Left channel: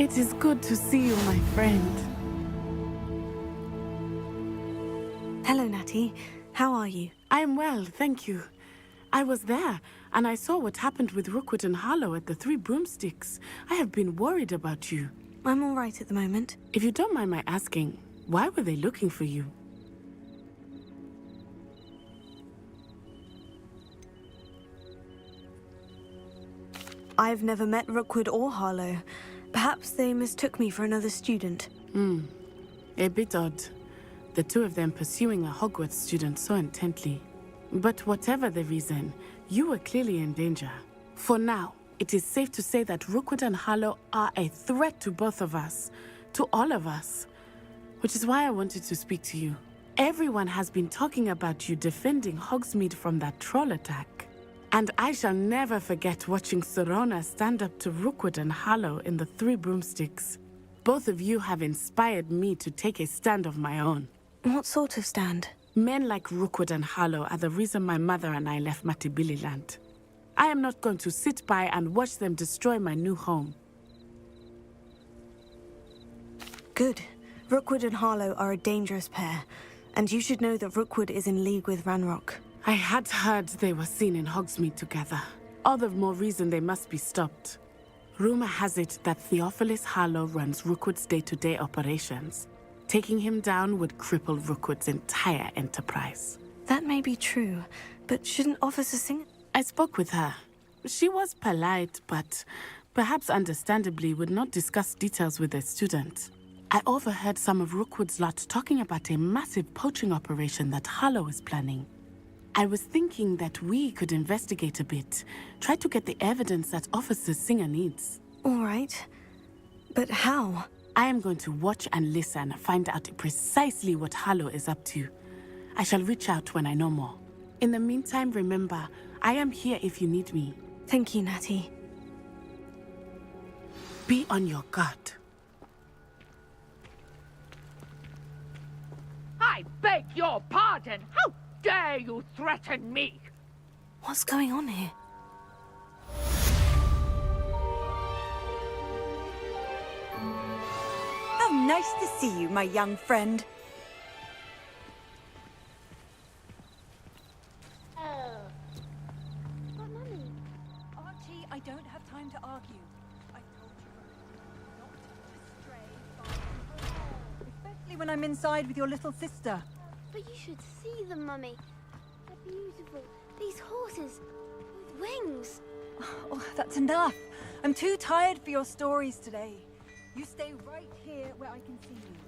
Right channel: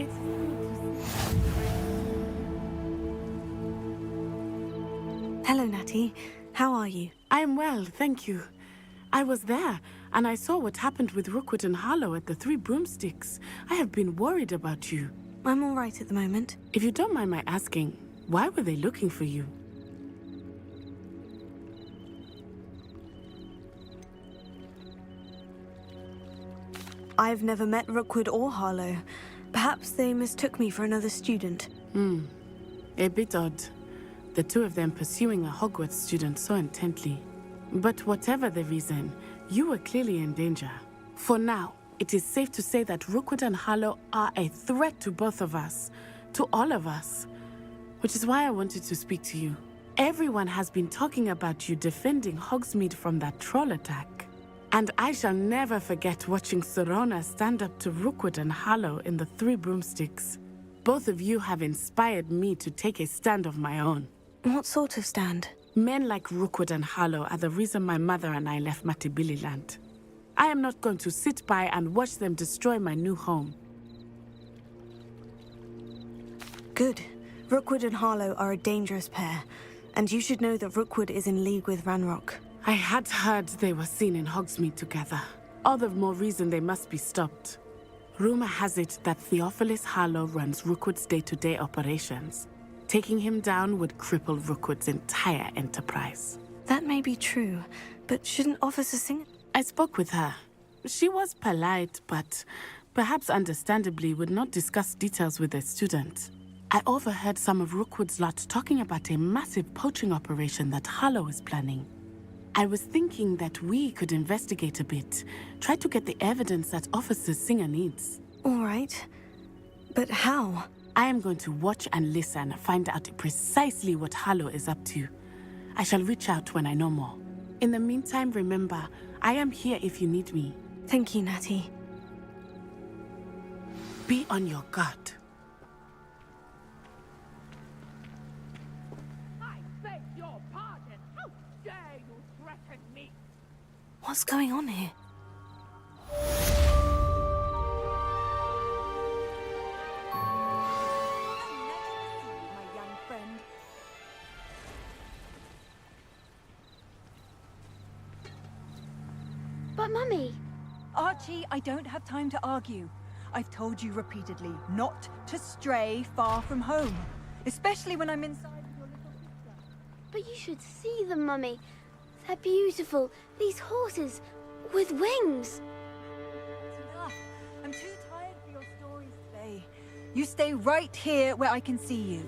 It is good to see you, my friend. Hello, Natty. How are you? I am well, thank you. I was there, and I saw what happened with Rookwood and Harlow at the Three Broomsticks. I have been worried about you. I'm all right at the moment. If you don't mind my asking, why were they looking for you? I've never met Rookwood or Harlow. Perhaps they mistook me for another student. A bit odd. The two of them pursuing a Hogwarts student so intently. But whatever the reason, you were clearly in danger. For now, it is safe to say that Rookwood and Harlow are a threat to both of us, to all of us. Which is why I wanted to speak to you. Everyone has been talking about you defending Hogsmeade from that troll attack. And I shall never forget watching Sorona stand up to Rookwood and Harlow in the Three Broomsticks. Both of you have inspired me to take a stand of my own. What sort of stand? Men like Rookwood and Harlow are the reason my mother and I left Matabeleland. I am not going to sit by and watch them destroy my new home. Good. Rookwood and Harlow are a dangerous pair, and you should know that Rookwood is in league with Ranrock. I had heard they were seen in Hogsmeade together. All the more reason they must be stopped. Rumor has it that Theophilus Harlow runs Rookwood's day-to-day operations. Taking him down would cripple Rookwood's entire enterprise. That may be true, but shouldn't Officer Singer... I spoke with her. She was polite, but perhaps understandably would not discuss details with a student. I overheard some of Rookwood's lot talking about a massive poaching operation that Harlow is planning. I was thinking that we could investigate a bit, try to get the evidence that Officer Singer needs. All right. But how? I am going to watch and listen, find out precisely what Harlow is up to. I shall reach out when I know more. In the meantime, remember, I am here if you need me. Thank you, Natty. Be on your guard. I beg your pardon! How dare you threaten me? What's going on here? How nice to see you, my young friend. But Mummy... Archie, I don't have time to argue. I've told you repeatedly not to stray far from home. Especially when I'm inside with your little sister. But you should see them, Mummy. They're beautiful. These horses with wings. Oh, that's enough. I'm too tired for your stories today. You stay right here where I can see you.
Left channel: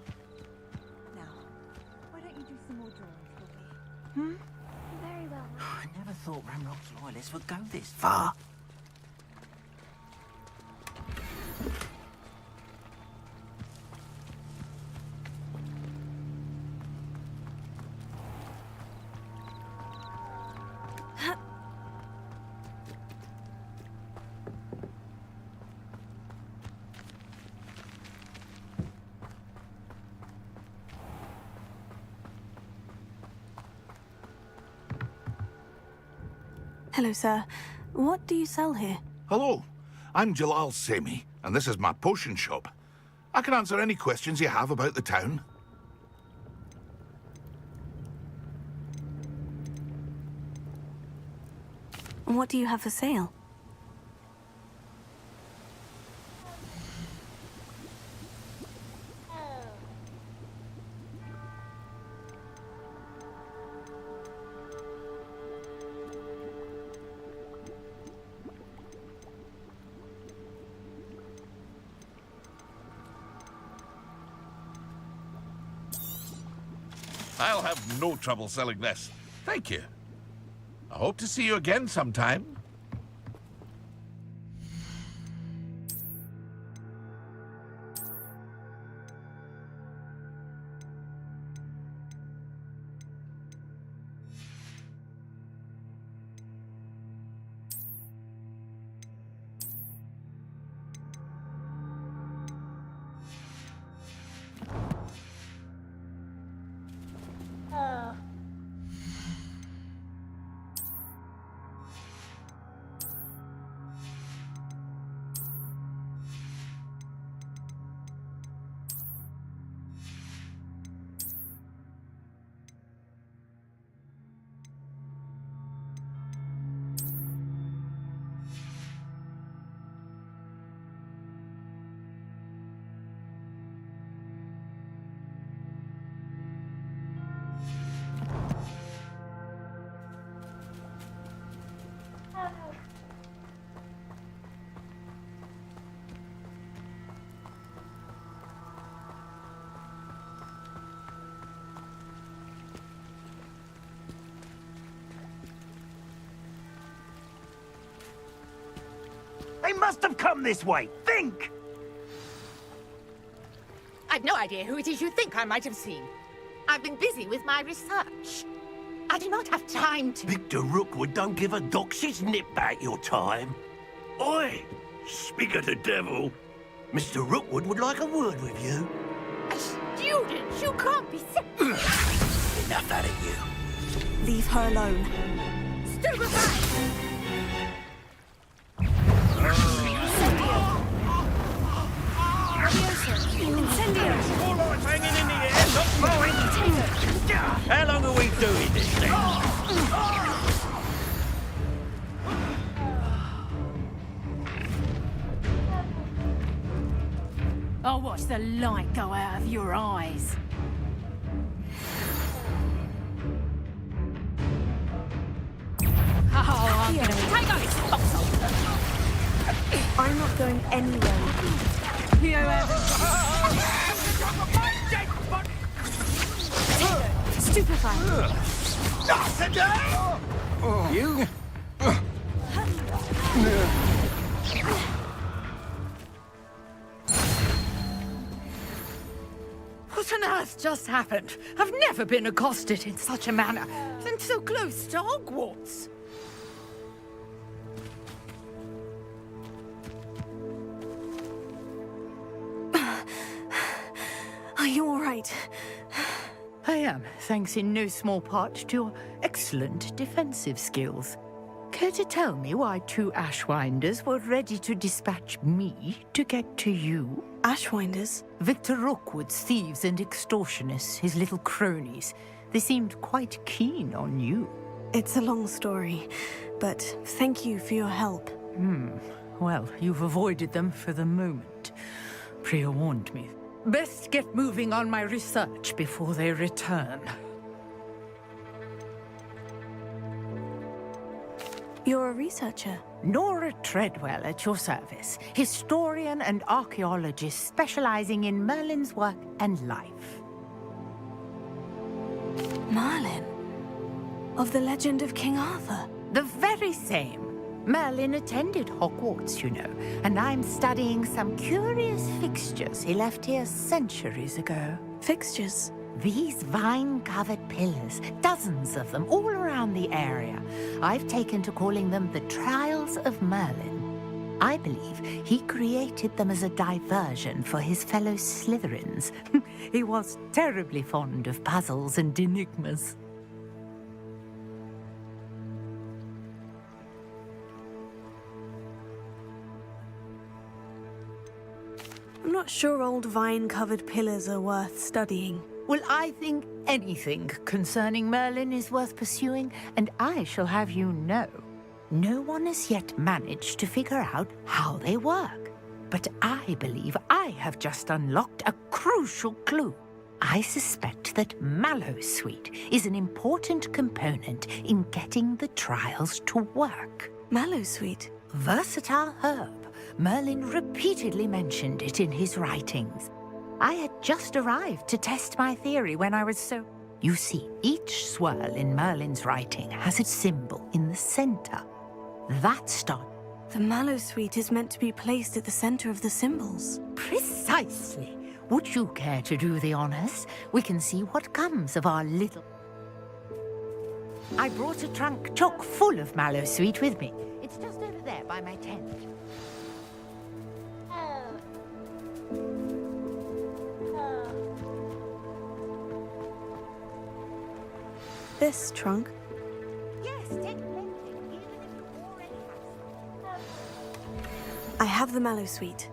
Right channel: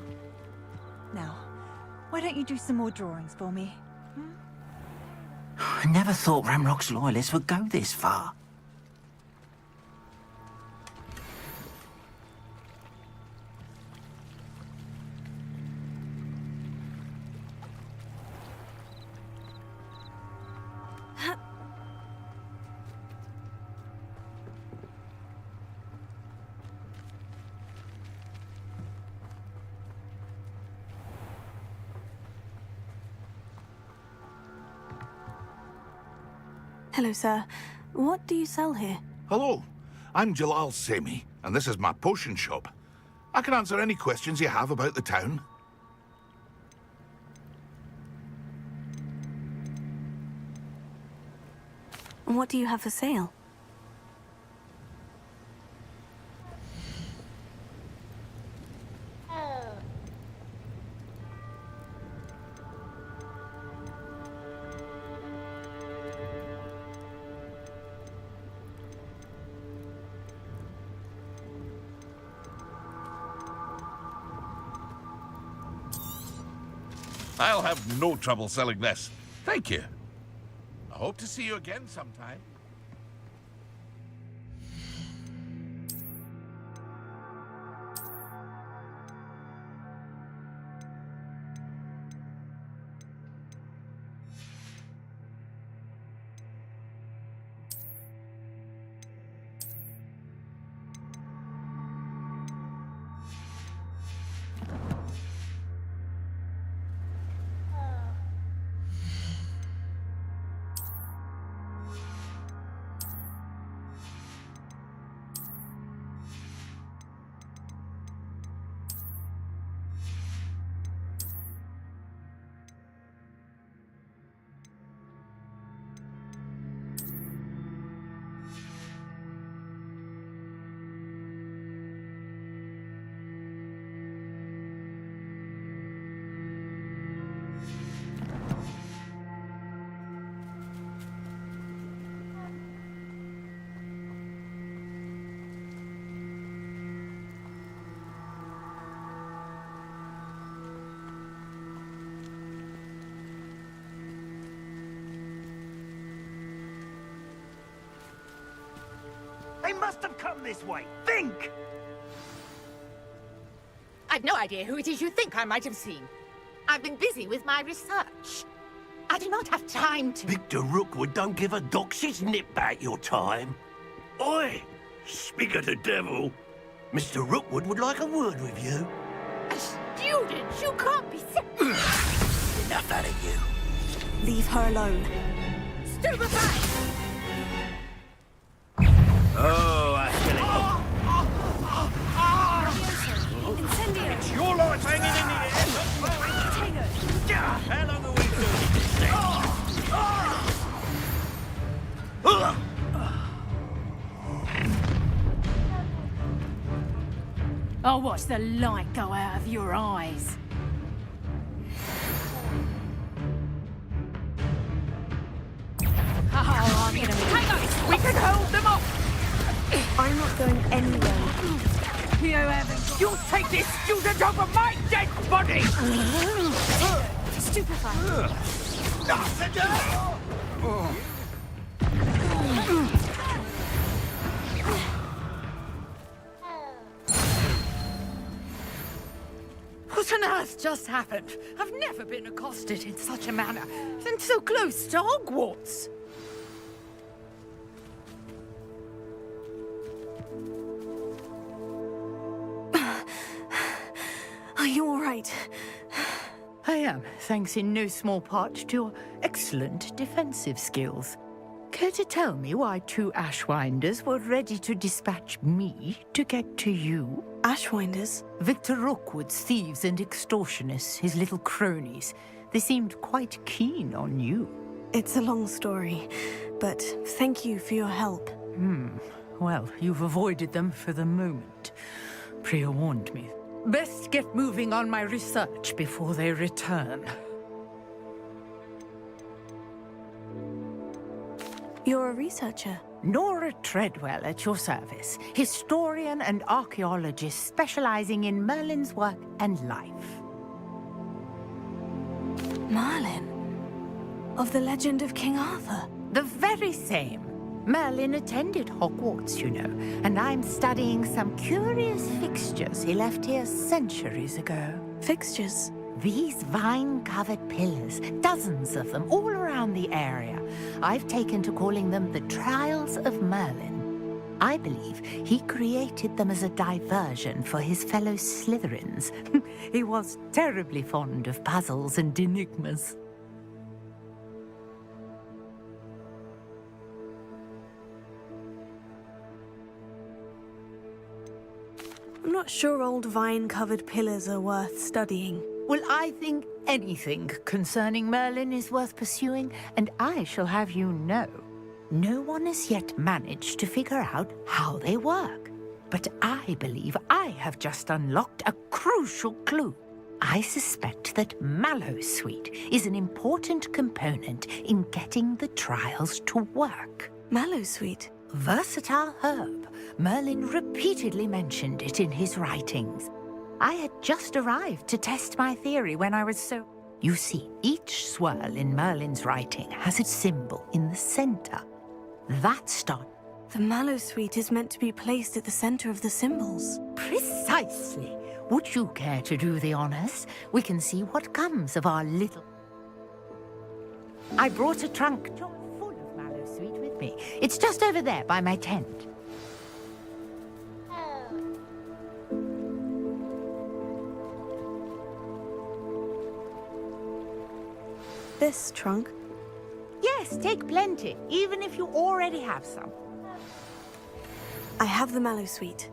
Now, why don't you do some more drawings for me? Hmm? Very well. I never thought Ramrock's loyalists would go this far. Hello, sir. What do you sell here? Hello, I'm Jalal Semi, and this is my potion shop. I can answer any questions you have about the town. And what do you have for sale? I'll have no trouble selling this. Thank you. I hope to see you again sometime. They must have come this way. Think! I've no idea who it is you think I might have seen. I've been busy with my research. I do not have time to... Victor Rookwood don't give a doxy's nip back your time. Oi! Speak of the devil. Mr. Rookwood would like a word with you. A student? You can't be Enough out of you. Leave her alone. Stupefy! Oh, that's Incendio! your life hanging in the air, not mine. How long are we doing this then? I'll watch the light go out of your eyes. Oh, I'm gonna be... I'm not going anywhere. You haven't... You take this student off of my dead body! Stupefy! You? What on earth just happened? I've never been accosted in such a manner, and so close to Hogwarts. Are you all right? I am, thanks in no small part to your excellent defensive skills. Care to tell me why two Ashwinders were ready to dispatch me to get to you? Ashwinders? Victor Rookwood's thieves and extortionists, his little cronies. They seemed quite keen on you. It's a long story, but thank you for your help. Well, you've avoided them for the moment. Priya warned me. Best get moving on my research before they return. You're a researcher. Nora Treadwell at your service, historian and archaeologist specializing in Merlin's work and life. Merlin? Of the legend of King Arthur? The very same. Merlin attended Hogwarts, you know, and I'm studying some curious fixtures he left here centuries ago. Fixtures? These vine-covered pillars, dozens of them all around the area. I've taken to calling them the Trials of Merlin. I believe he created them as a diversion for his fellow Slytherins. He was terribly fond of puzzles and enigmas. I'm not sure old vine-covered pillars are worth studying. Well, I think anything concerning Merlin is worth pursuing, and I shall have you know. No one has yet managed to figure out how they work. But I believe I have just unlocked a crucial clue. I suspect that Mallowsweet is an important component in getting the trials to work. Mallowsweet? Versatile herb. Merlin repeatedly mentioned it in his writings. I had just arrived to test my theory when I was so... You see, each swirl in Merlin's writing has a symbol in the center. That starts... The Mallowsweet is meant to be placed at the center of the symbols. Precisely. Would you care to do the honors? We can see what comes of our little... I brought a trunk chock full of Mallowsweet with me. It's just over there by my tent. This trunk? Yes, take plenty, even if you already have some. I have the Mallowsweet.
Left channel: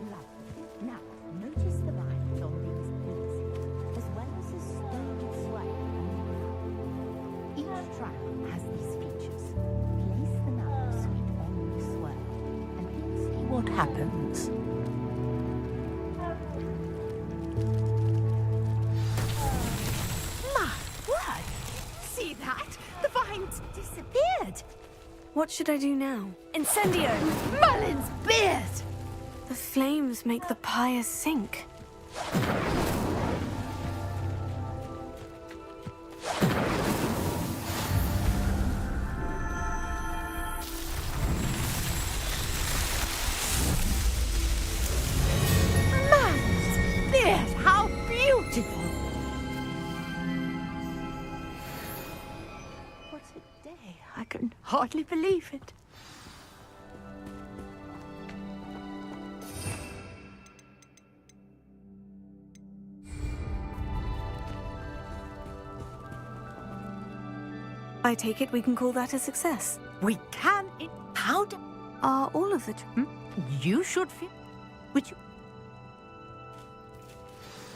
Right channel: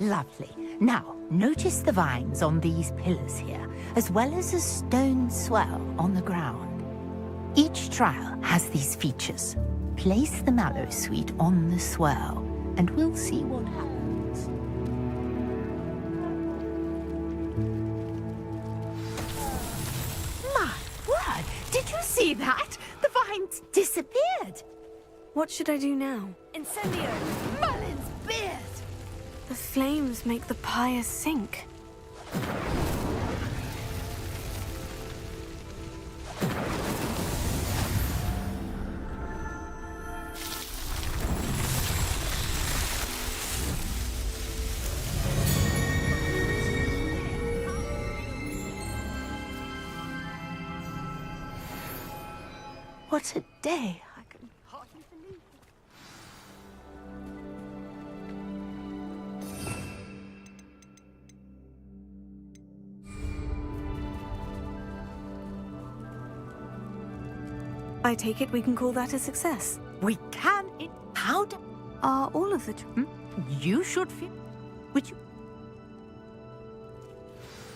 Lovely. Now, notice the vines on these pillars here, as well as a stone swell on the ground. Each trial has these features. Place the Mallowsweet on the swell, and we'll see what happens. My word! Did you see that? The vines disappeared. What should I do now? Incendio! Merlin's beard! The flames make the pyre sink. Merlin's beard! How beautiful! What a day! I can hardly believe it. I take it we can call that a success. We can in powder. Are all of the... You should feel. Would you?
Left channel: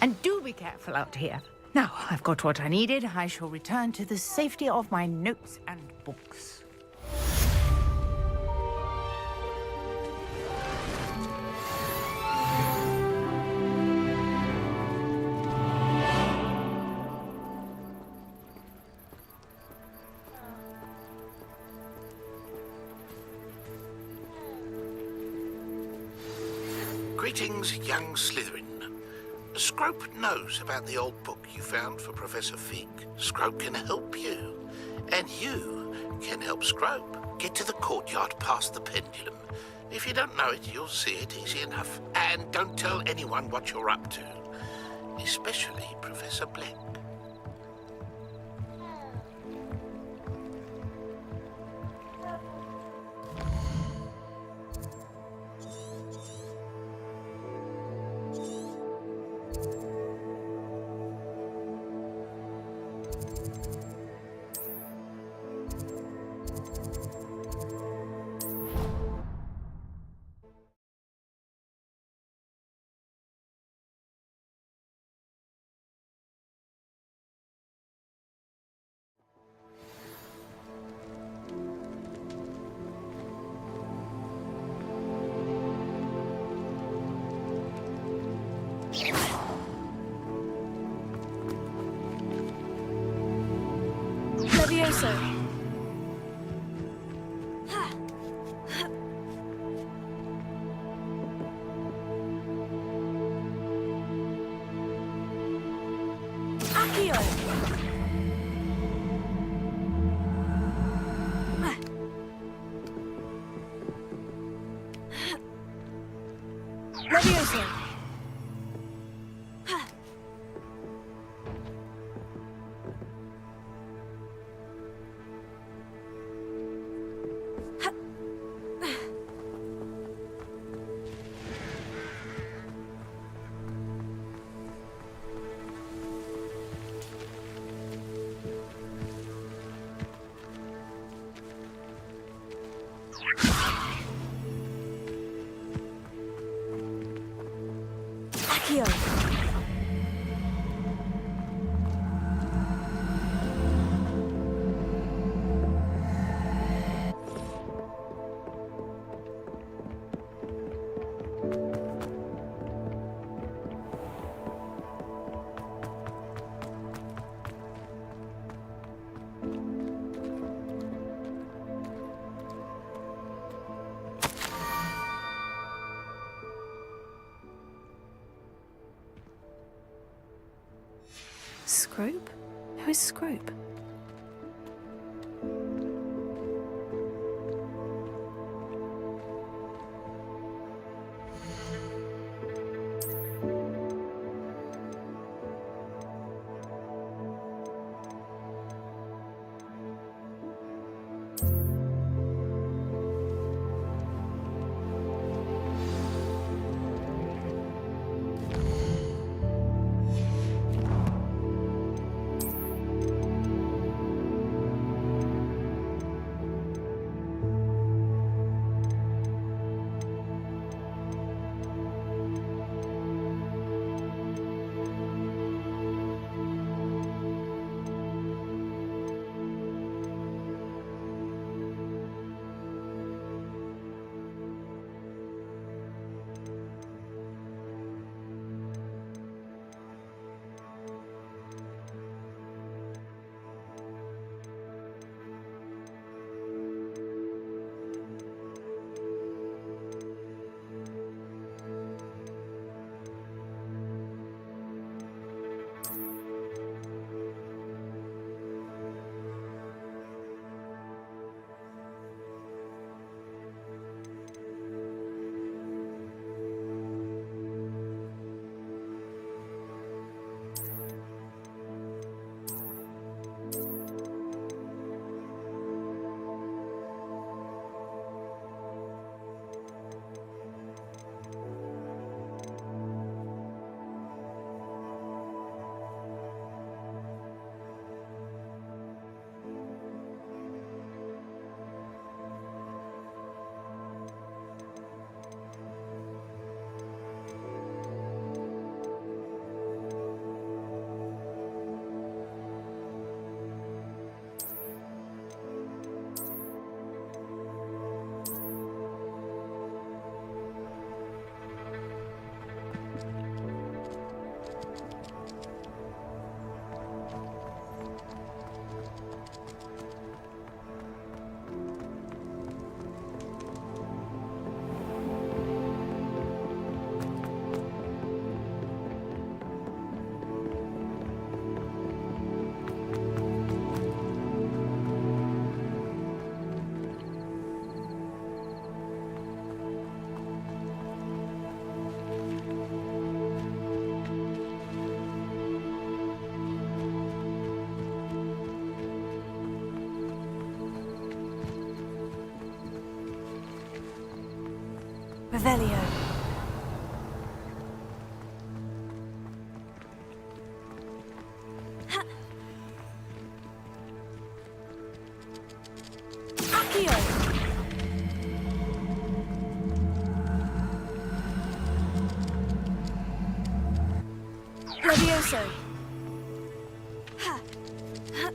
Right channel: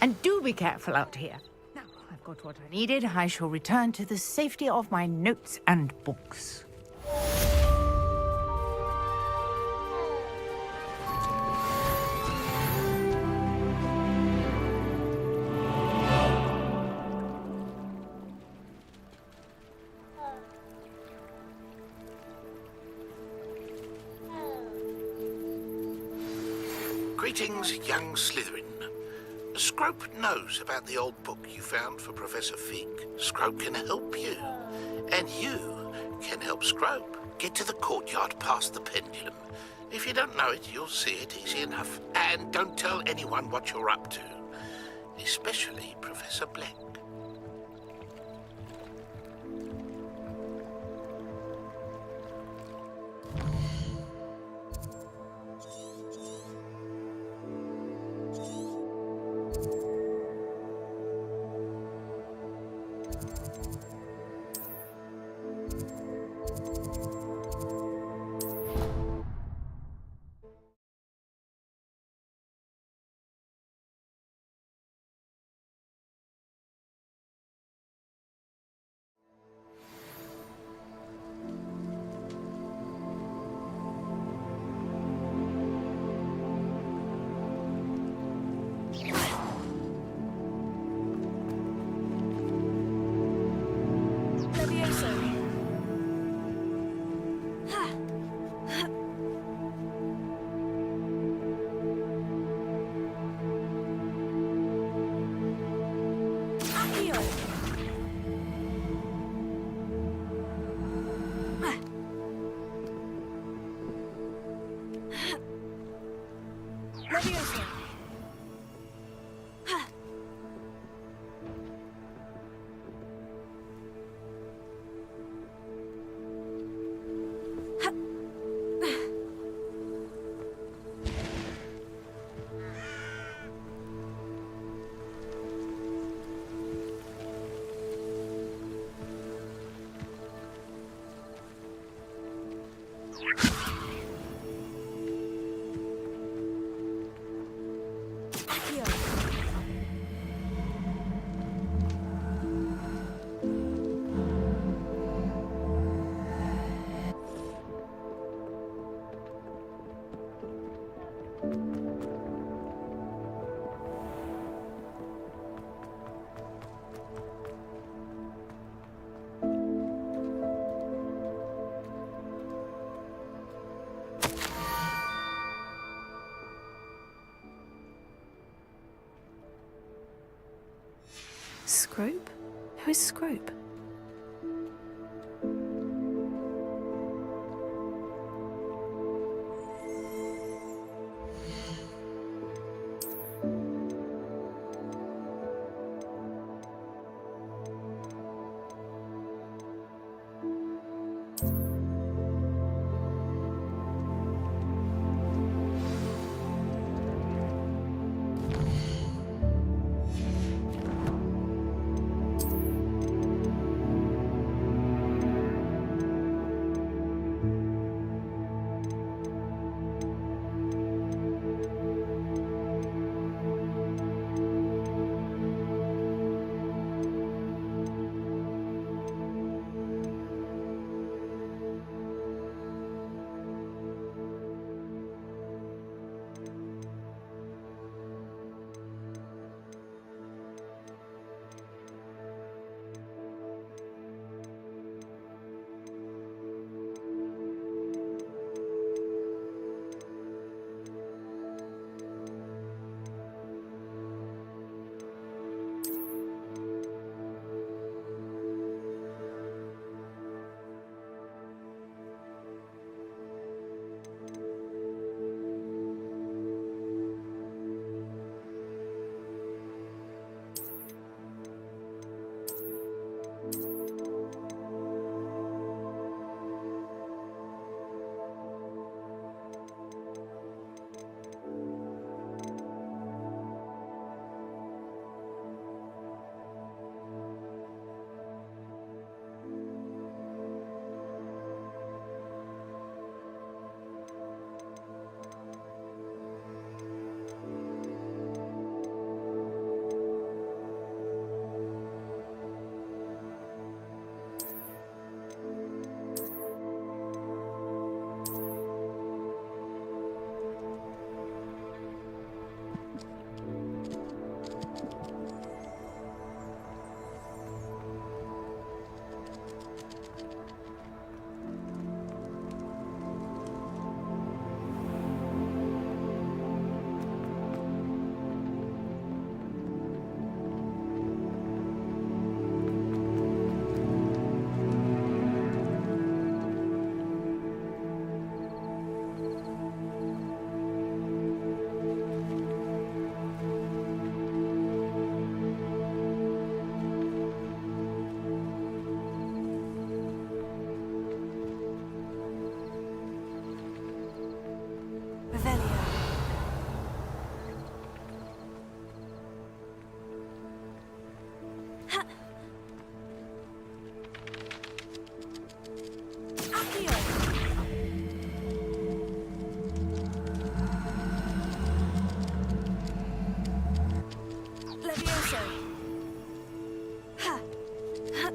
And do be careful out here. Now, I've got what I needed. I shall return to the safety of my notes and books. Greetings, young Slytherin. Scrope knows about the old book you found for Professor Fig. Scrope can help you. And you can help Scrope get to the courtyard past the pendulum. If you don't know it, you'll see it easy enough. And don't tell anyone what you're up to. Especially Professor Black. Levioso! Accio! Levioso! Accio! Scrope? Who is Scrope? Revelio. Ha. Accio. Levioso. Ha. Ha.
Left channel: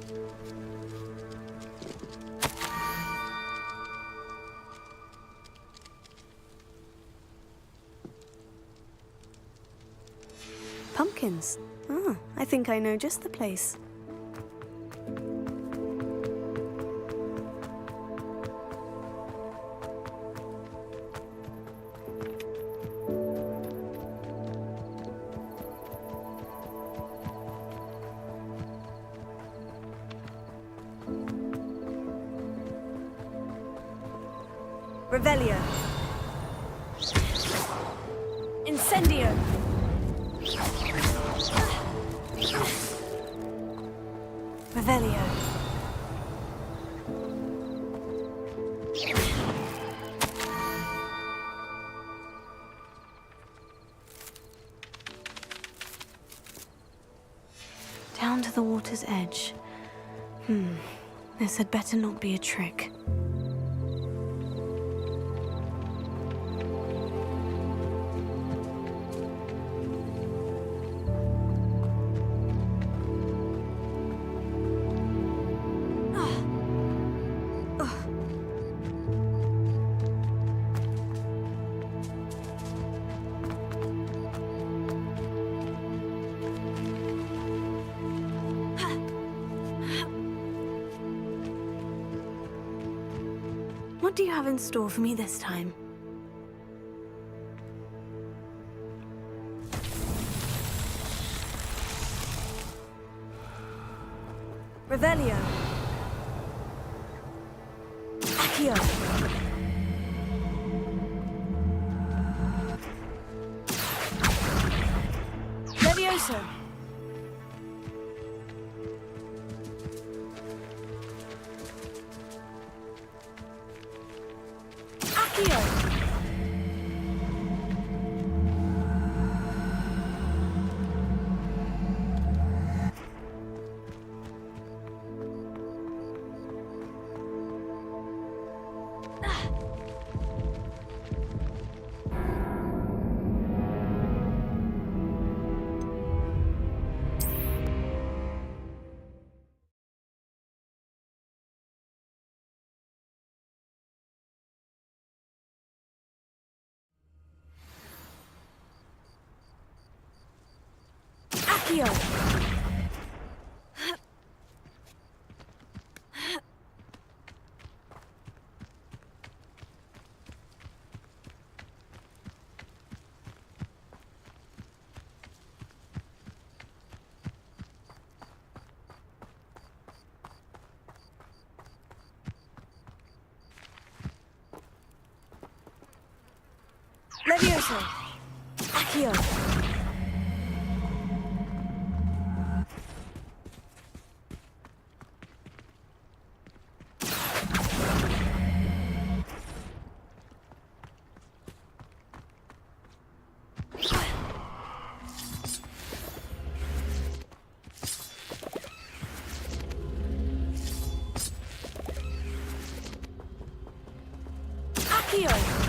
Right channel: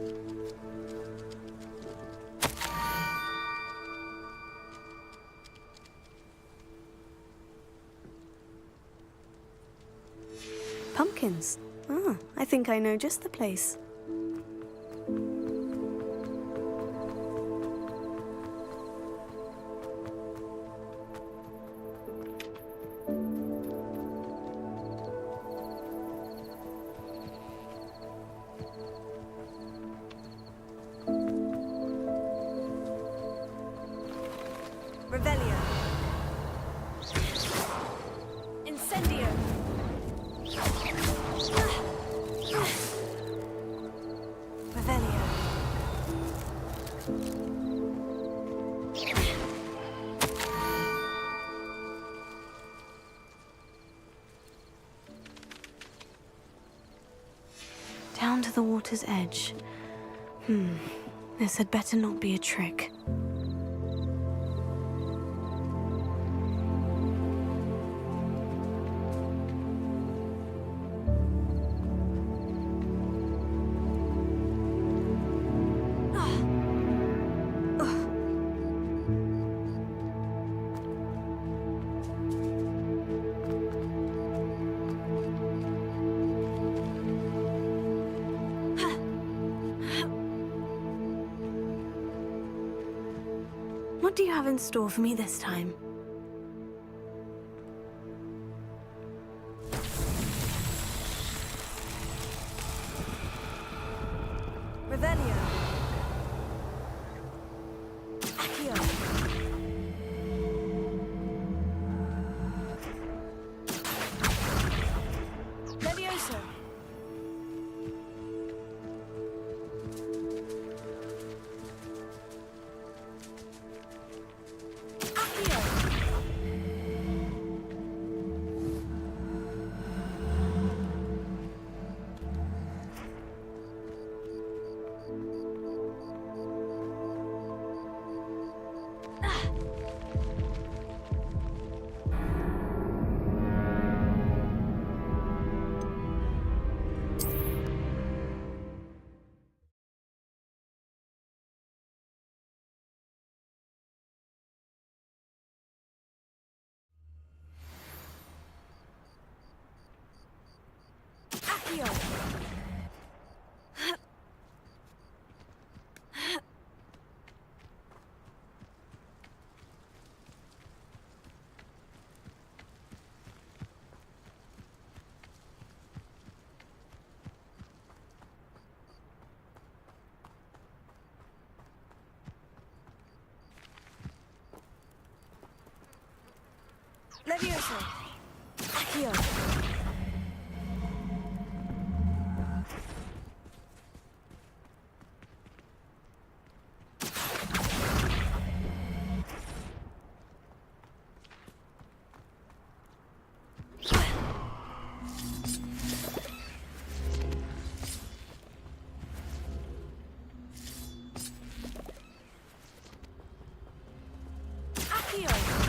Pumpkins. Ah, I think I know just the place. Revelio. Incendio. Revelio. Down to the water's edge. This had better not be a trick. What do you have in store for me this time? Revelio. Accio. Levioso. Accio. Accio. Levioso. Accio. Accio.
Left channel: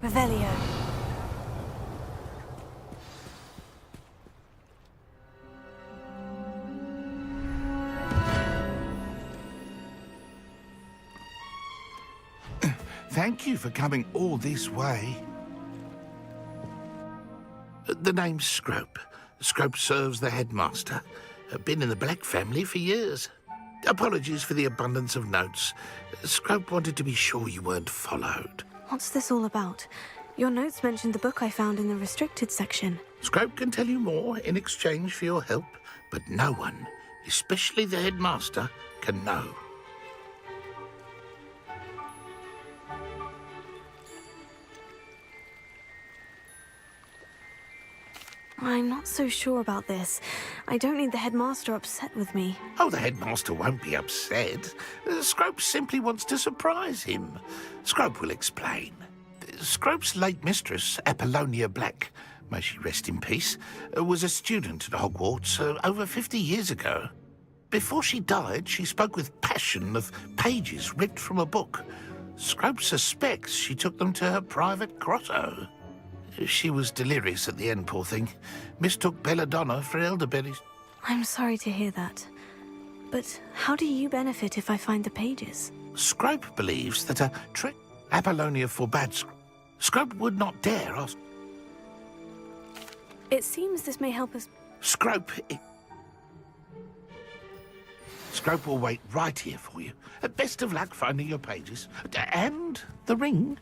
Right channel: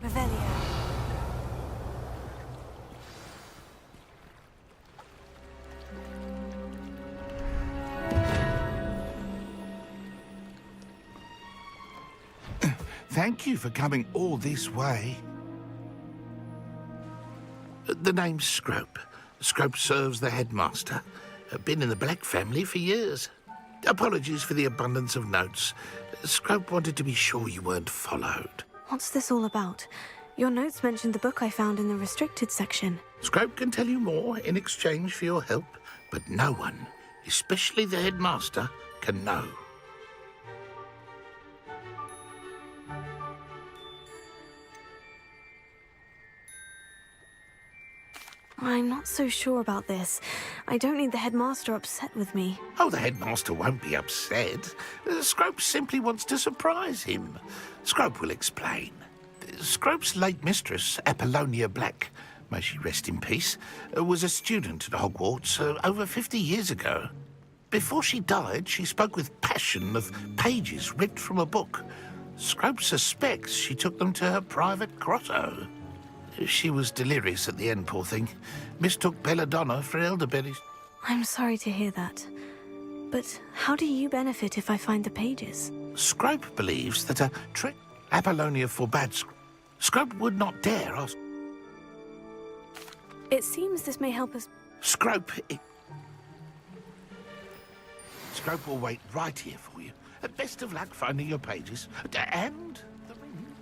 Revelio. Thank you for coming all this way. The name's Scrope. Scrope serves the headmaster. Been in the Black family for years. Apologies for the abundance of notes. Scrope wanted to be sure you weren't followed. What's this all about? Your notes mentioned the book I found in the restricted section. Scrope can tell you more in exchange for your help, but no one, especially the headmaster, can know. I'm not so sure about this. I don't need the headmaster upset with me. Oh, the headmaster won't be upset. Scrope simply wants to surprise him. Scrope will explain. Scrope's late mistress, Apollonia Black, may she rest in peace, was a student at Hogwarts over 50 years ago. Before she died, she spoke with passion of pages ripped from a book. Scrope suspects she took them to her private grotto. She was delirious at the end, poor thing. Mistook belladonna for elderberries. I'm sorry to hear that. But how do you benefit if I find the pages? Scrope believes that a trick Apollonia forbade. Scrope would not dare ask. It seems this may help us. Scrope will wait right here for you. Best of luck finding your pages. And the ring.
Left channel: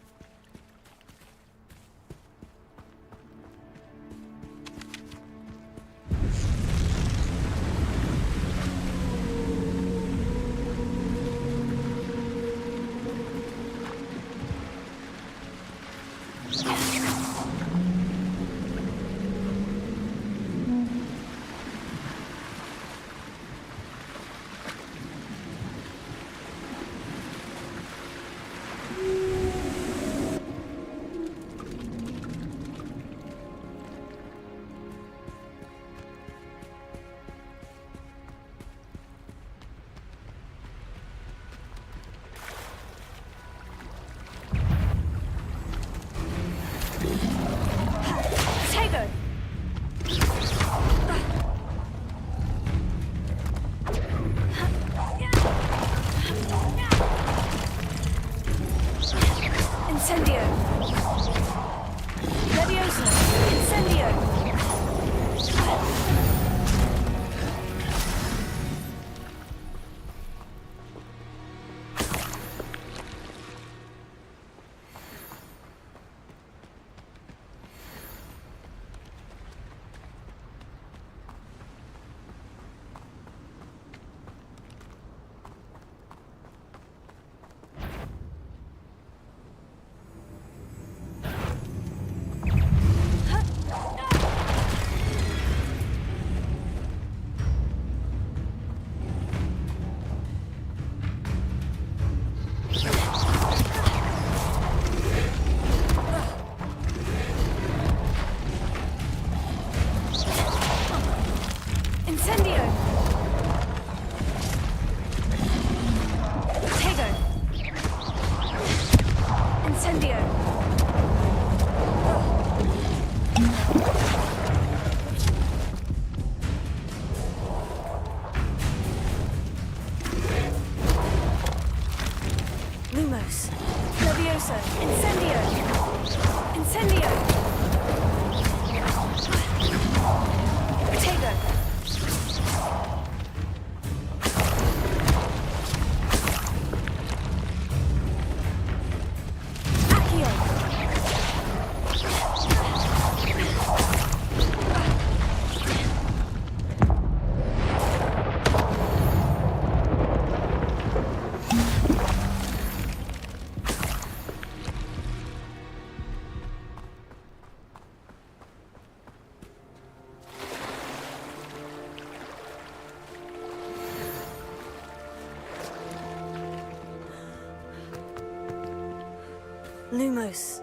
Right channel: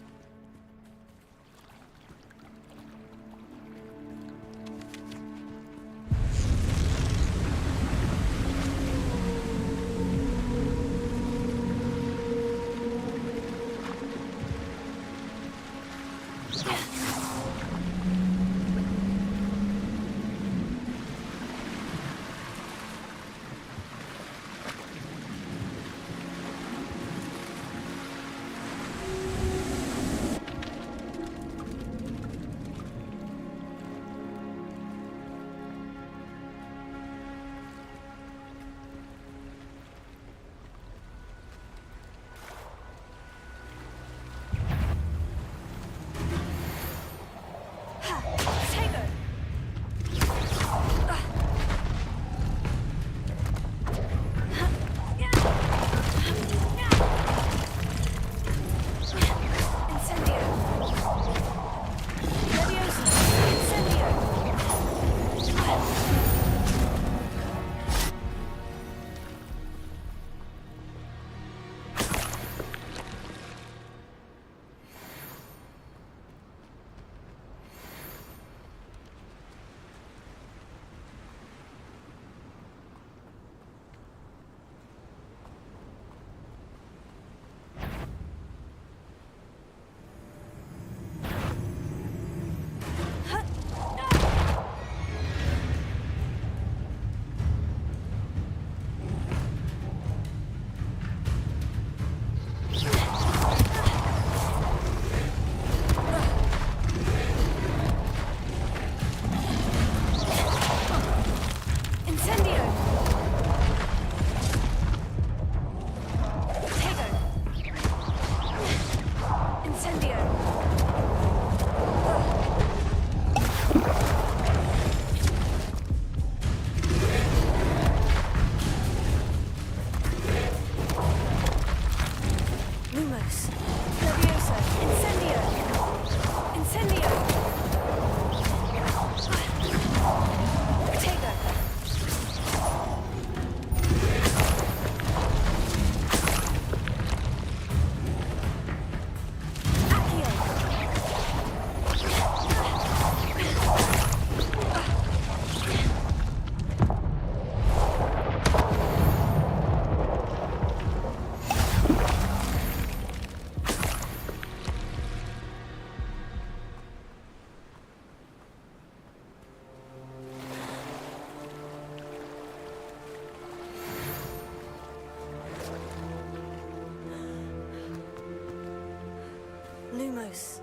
Lumos.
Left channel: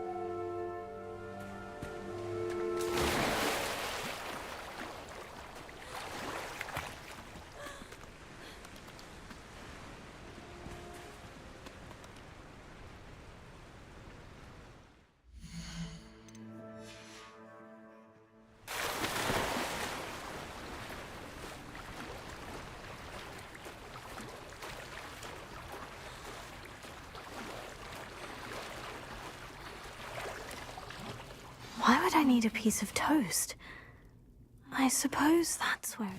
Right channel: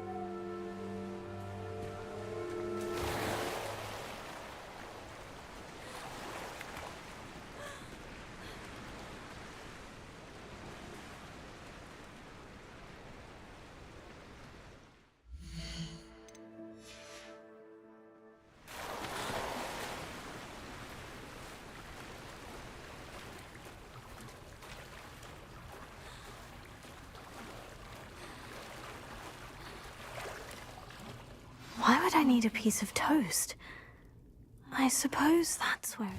Why would I need a piece of toast? I suppose that's where...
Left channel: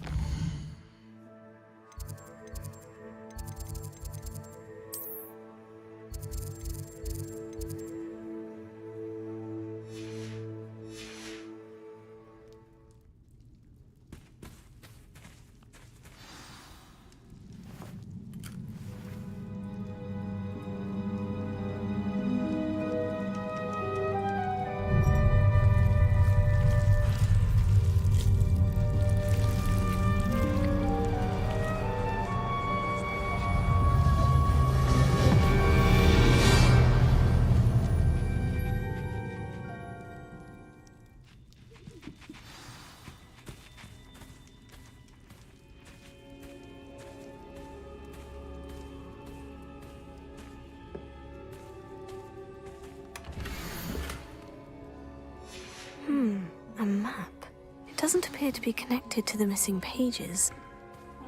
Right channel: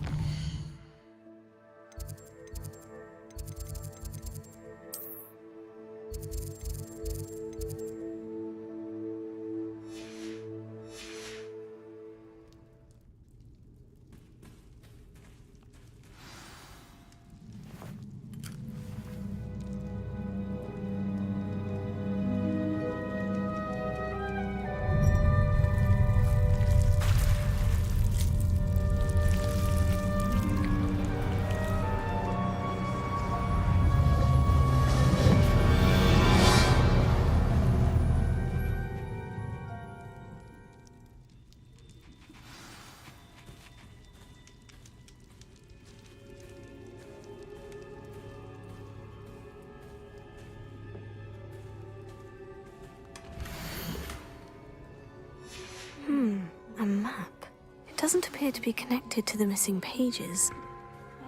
A map. It doesn't appear to be connected to the missing pages.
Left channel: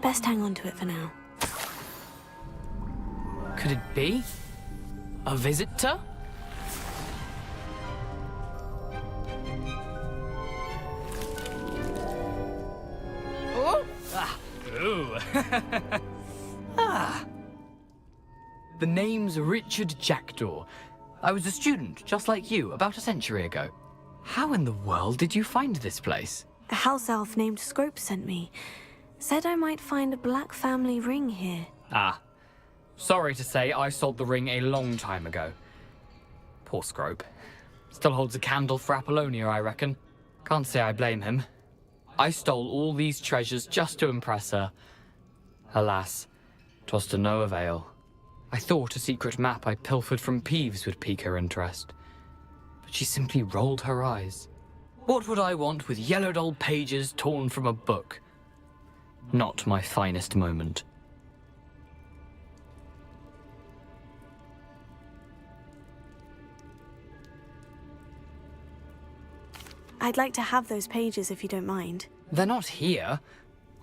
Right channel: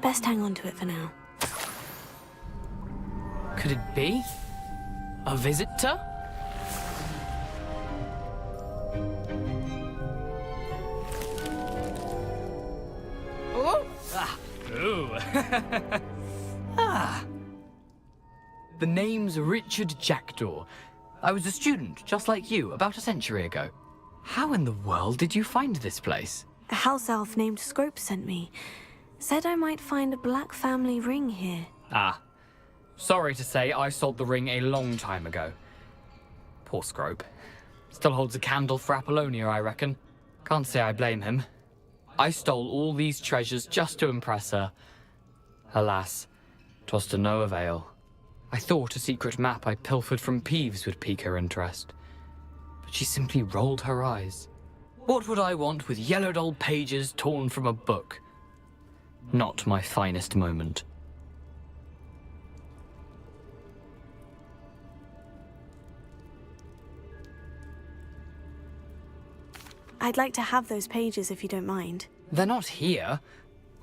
Best hang on to it for now. Could it be? A visitor? Oh! Ah! Ooh! Ah! The name's Richard Jackdaw. I was a student, just like you, about a century ago. How in the world did you find this place? A house elf named Scrope sent me. Said I might find a black family ring here. Ah. Sorry to say, I sold the ring a long time ago. Poor Scrope. Still holds a candle for Apollonia, I reckon. Can't say I blame him. I stole all these treasures just to impress her. Alas, 'twas to no avail. I thought a secret map I pilfered from Peeves would pique her interest. But she simply rolled her eyes. What would I want with yellowed old pages torn from a book? Not my finest moment. I'd like to have those pages if you don't mind. They're not here.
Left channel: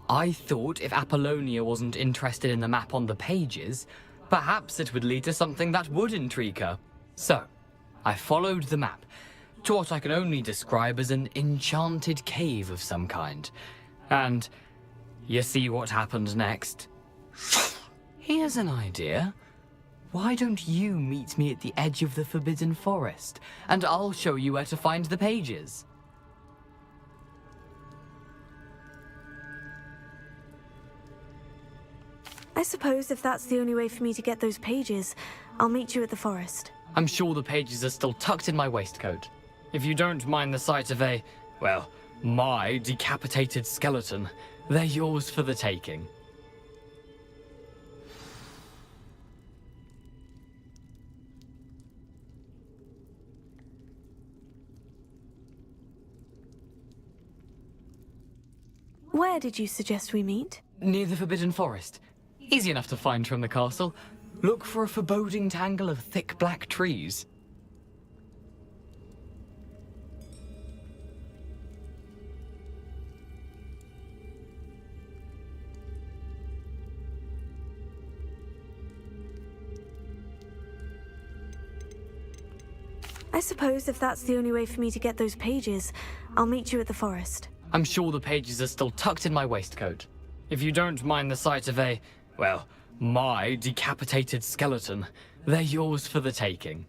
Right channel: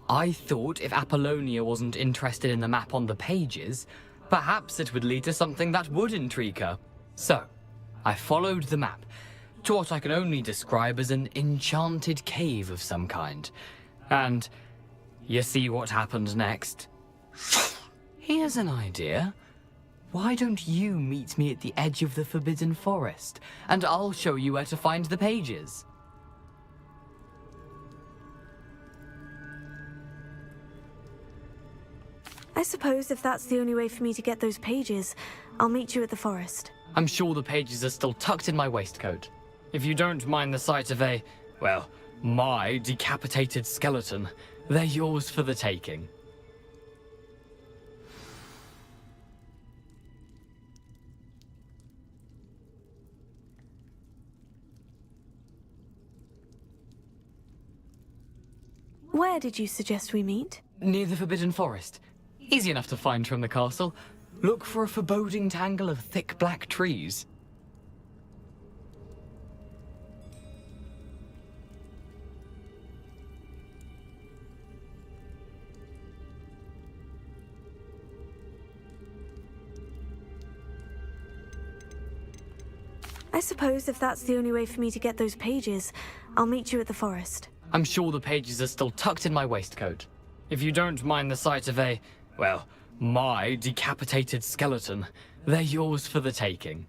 I thought if Apollonia wasn't interested in the map on the pages, perhaps it would lead to something that would intrigue her. So, I followed the map to what I can only describe as an enchanted cave of some kind. And you see what happened next? Here's an idea. Why don't you meet me at the edge of the Forbidden Forest, and I'll show you where to find the pages. I suppose if that's the only way for me to get those pages, I'll meet you at the forest. I'm sure the pages are still tucked in my waistcoat. If you don't mind the sight of well, my decapitated skeleton, they're yours for the taking. Where did you suggest we meet? Near the Forbidden Forest. Easy enough to find from the castle. Look for a foreboding tangle of thick black trees. I suppose if that's the only way for me to get those pages, I'll meet you at the forest. I'm sure the pages are still tucked in my waistcoat. If you don't mind the sight of well, my decapitated skeleton, they're yours for the taking.